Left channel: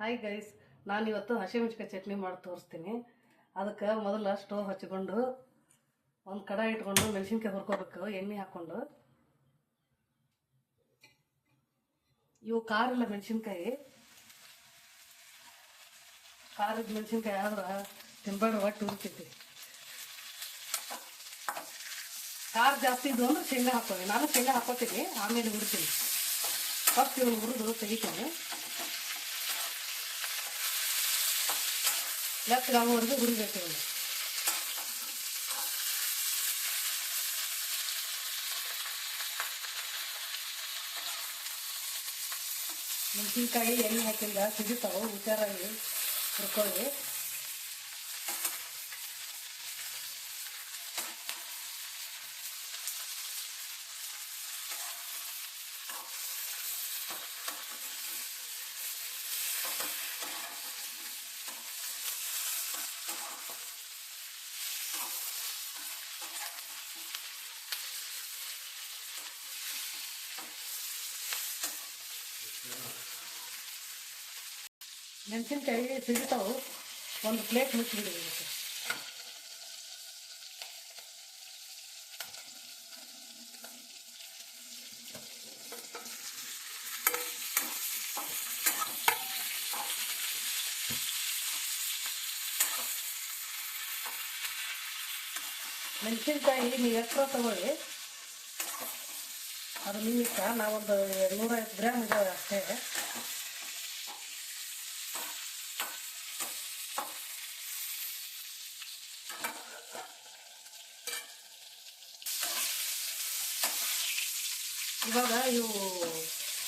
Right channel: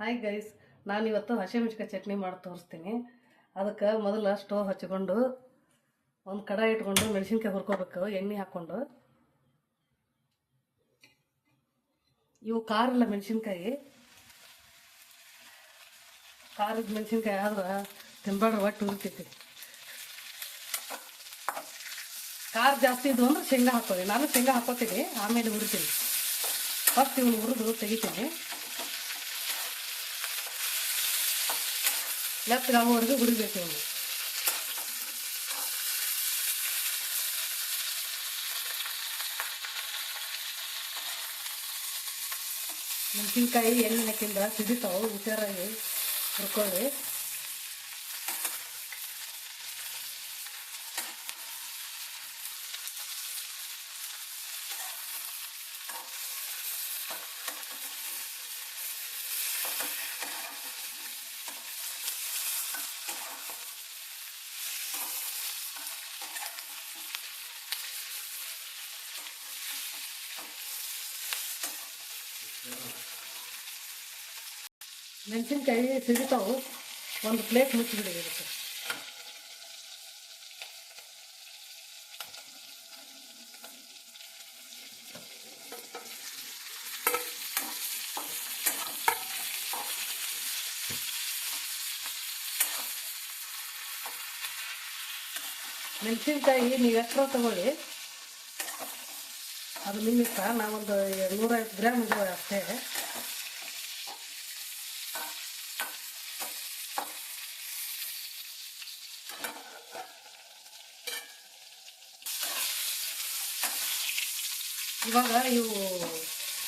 Hi guys, ನಾನಿವತ್ತು ಹಸಿಮೆಣ್ಸಿಕಾಯಿ ಚಟ್ನಿ ಮಾಡಿ ತೋರಿಸ್ತೀನಿ. ಅದಕ್ಕೆ ಮೊದಲು ಸ್ಟೋವ್ ಹಚ್ಕೊಂಡು ಒಂದು ಕಡಾಯಿ ಇಟ್ಕೊಂಡು ಮೆಣಸಿನ್ಕಾಯಿ ಹುರ್ಕೋಬೇಕು. ಎಣ್ಣೆ ಹಾಕ್ಕೊಂಡು ಇವು ಖಾರದ ಮೆಣಸಿನ್ಕಾಯಿ ಆದ್ರೆ ತಿನ್ಬೇಡ್ರಿ, ಒಟ್ಟು ಉರಿತೈತಿ. ಖಾರ ಜಾಸ್ತಿ ಇದ್ವು ಅಂದ್ರೆ ಶೇಂಗಾ ಹಾಕೋರಿ. ನಾನು ಶೇಂಗಾ ಹಾಕೋತೀನಿ, ಆಮೇಲೆ ಹುರಿತೀನಿ. ಫಸ್ಟ್ ಇವ್ನು ಹುರಿದು ತೆಗಿತೀನಿ. ಲೆಫ್ಟ್ಗಾಗೋವರೆಗೂ ಹುರಿಬೇಕು ಇವನು. ಮೆಣಸಿನ್ಕಾಯಿ ಎಣ್ಣೆ ಹಾಕಿಂದ ಸಿಡಿತಾವೆ, ಹುಷಾರಾಗಿ ಹುರ್ಕೊಳ್ಳಿ. ಮೆಣಸಿನ್ಕಾಯಿ ಸಿಡಿತಾವು, ಒಂದು ಪ್ಲೇಟ್ ಮುಚ್ಚಿಬಿಡಬೇಕು. ಮೆಣಸಿನ್ಕಾಯಿ ನೀವು ಎಕ್ಸ್ಟ್ರಾ ತಗೊಳ್ಳಿ, ಅದು ನಿಮಿತ್ತ. ನಾವೊಂದು 150 ಗ್ರಾಮ್ ಅಷ್ಟೇ. ಇವಾಗ ಇವು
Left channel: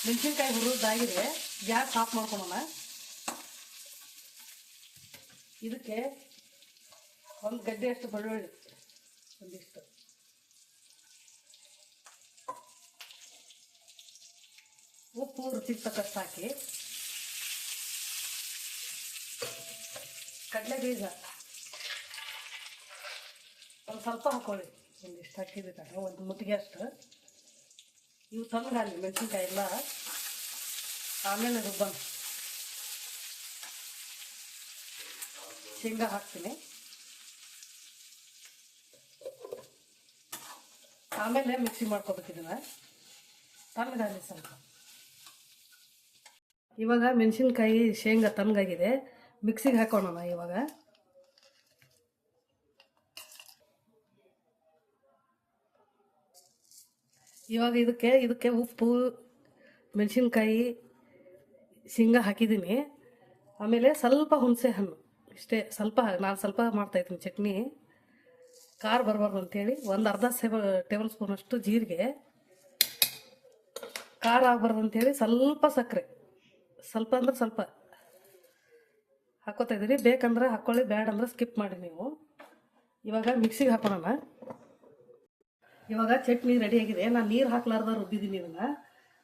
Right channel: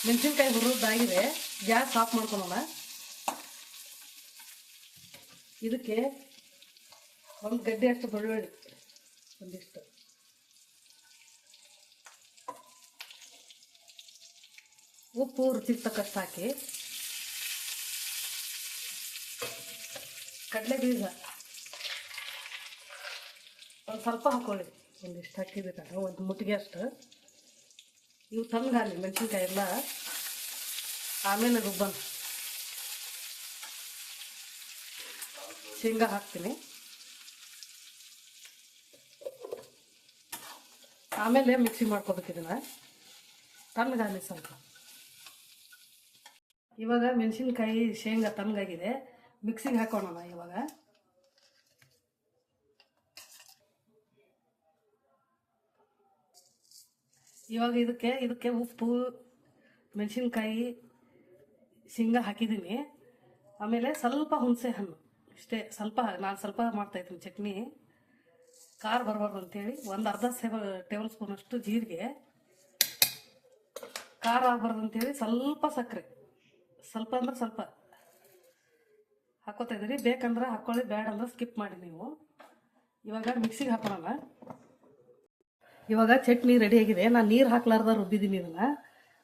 ಮೆಣಸಿನ್ಕಾಯಿ ಹುರಿದಾಗಿದೆ. ಗ್ಯಾಸ್ ಆಫ್ ಮಾಡ್ಕೊಳ್ಳೋಣ. ಇದಕ್ಕೆ ಒಂದು ಗಡ್ಡೆ ಅಷ್ಟು ಬೆಳ್ಳುಳ್ಳಿ, ಒಂದಿಷ್ಟು ಉಪ್ಪು ರುಚಿಗೆ ತಕ್ಕಷ್ಟು ಹಾಕಿ, ಕಡಲೆ ಬೀಜ ಒಂದು ಸ್ವಲ್ಪ ಹಾಕೊಳ್ಳಿ. ಒಂದಿಷ್ಟು ಹಾಕಿದ್ರೆ ಒಂದು ಮುಟ್ಟಿಗೆ ಅಷ್ಟು. ಇವು ತಣ್ಣಗಾಲಿ ಮೆಣಸಿನ್ಕಾಯಿ ಎಲ್ಲ, ಆಮೇಲೆ ರುಬ್ಬನ ಶೇಂಗಾ ಹಾಕ್ತೀನಿ. ಆಮೇಲೆ ಮಿಕ್ಸಿ ಮಾಡ್ಕೋಬೇಕು ಇದನ್ನ, ತಣ್ಣಗಾಲಿ ಸ್ವಲ್ಪ. ಇವಾಗ ಮೆಣಸಿನ್ಕಾಯಿ ಶೇಂಗಾ ತಣ್ಣಗಾಗಿದೆ, ಮಿಕ್ಸಿಗೆ ಹಾಕೋಣ. ಇವಾಗ ಇದಕ್ಕೆ ಉಪ್ಪು, ಮೆಣಸಿನ್ಕಾಯಿ, ಶೇಂಗಾ ಹಾಕಿದ್ದೀನಿ. ಆಮೇಲೆ ಸ್ವಲ್ಪ ಹುಣಸೆ ಹಣ್ಣು, ಇಷ್ಟೇ. ನಾನು ಸ್ವಲ್ಪ ಮಾಡ್ತಾಯಿದ್ದೀನಿ ಚಟ್ನಿ, ಖಾರ ಬರಬಾರ್ದು ಅಂತೇಳಿ. ಒಂದು ಅರ್ಧ ಟೇಬಲ್ ಸ್ಪೂನ್ ಅಷ್ಟು ಜೀರಿಗೆ, ಖಾರ ಆಗಬಾರ್ದು ಅಂತೇಳಿ ಸ್ವಲ್ಪ ಸಕ್ಕರೆ, ಸ್ವಲ್ಪ ಅಂದ್ರೆ ಸ್ವಲ್ಪ ಹಾಕೋತಾ ಇದ್ದೀರಿ. ಬೇಕಂದ್ರೆ ಹಾಕ್ಕೊಳ್ಳಿ, ಬೇಡ ಅಂದ್ರೆ ಸ್ಕಿಪ್ ಮಾಡಿ ನೀವು. ಇವಾಗ ಮಿಕ್ಸಿಗೆ ಹಾಕೋಣ. ಇವಾಗ ಚಟ್ನಿ ರೆಡಿಯಾಗಿದೆ. ನಾನು ನೀರು ಹಾಕ್ಲಾರ್ದ ರುಬ್ಬಿದ್ದೀನಿ ಇದನ್ನು.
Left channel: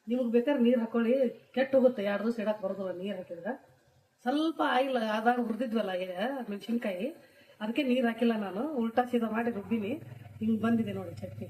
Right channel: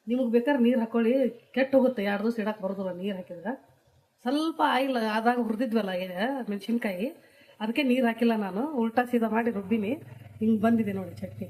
ನಿಮ್ಗೆ ಬೇಕಾದ್ರೆ ನೀರು ಹಾಕ್ಕೊಳ್ಳಿ, ಕೆಟ್ಟು ಹೋಗುತ್ತೆ. 2 ದಿವಸ ಇಡಕ್ಕೆ ಬರೋದಿಲ್ಲ ನೀರು ಹಾಕಿದ್ರೆ. ಸ್ವಲ್ಪ ಆಯಿಲ್ ಆದಾಗ ಹುರಿದಿದ್ವಲ್ಲ ಮೆಣಸಿನ್ಕಾಯಿ, ಅದಕ್ಕೆ ನೀರು ಹಾಕಿಲ್ಲ ನಾನು. ಉಲ್ಟಾ ಸೀದಾ ಮಾಡಿ ರುಬ್ಬಿನಿ. ಹಿಂಗೆ ಬಂದಿದೆ ನೋಡಿ ಚಟ್ನಿ.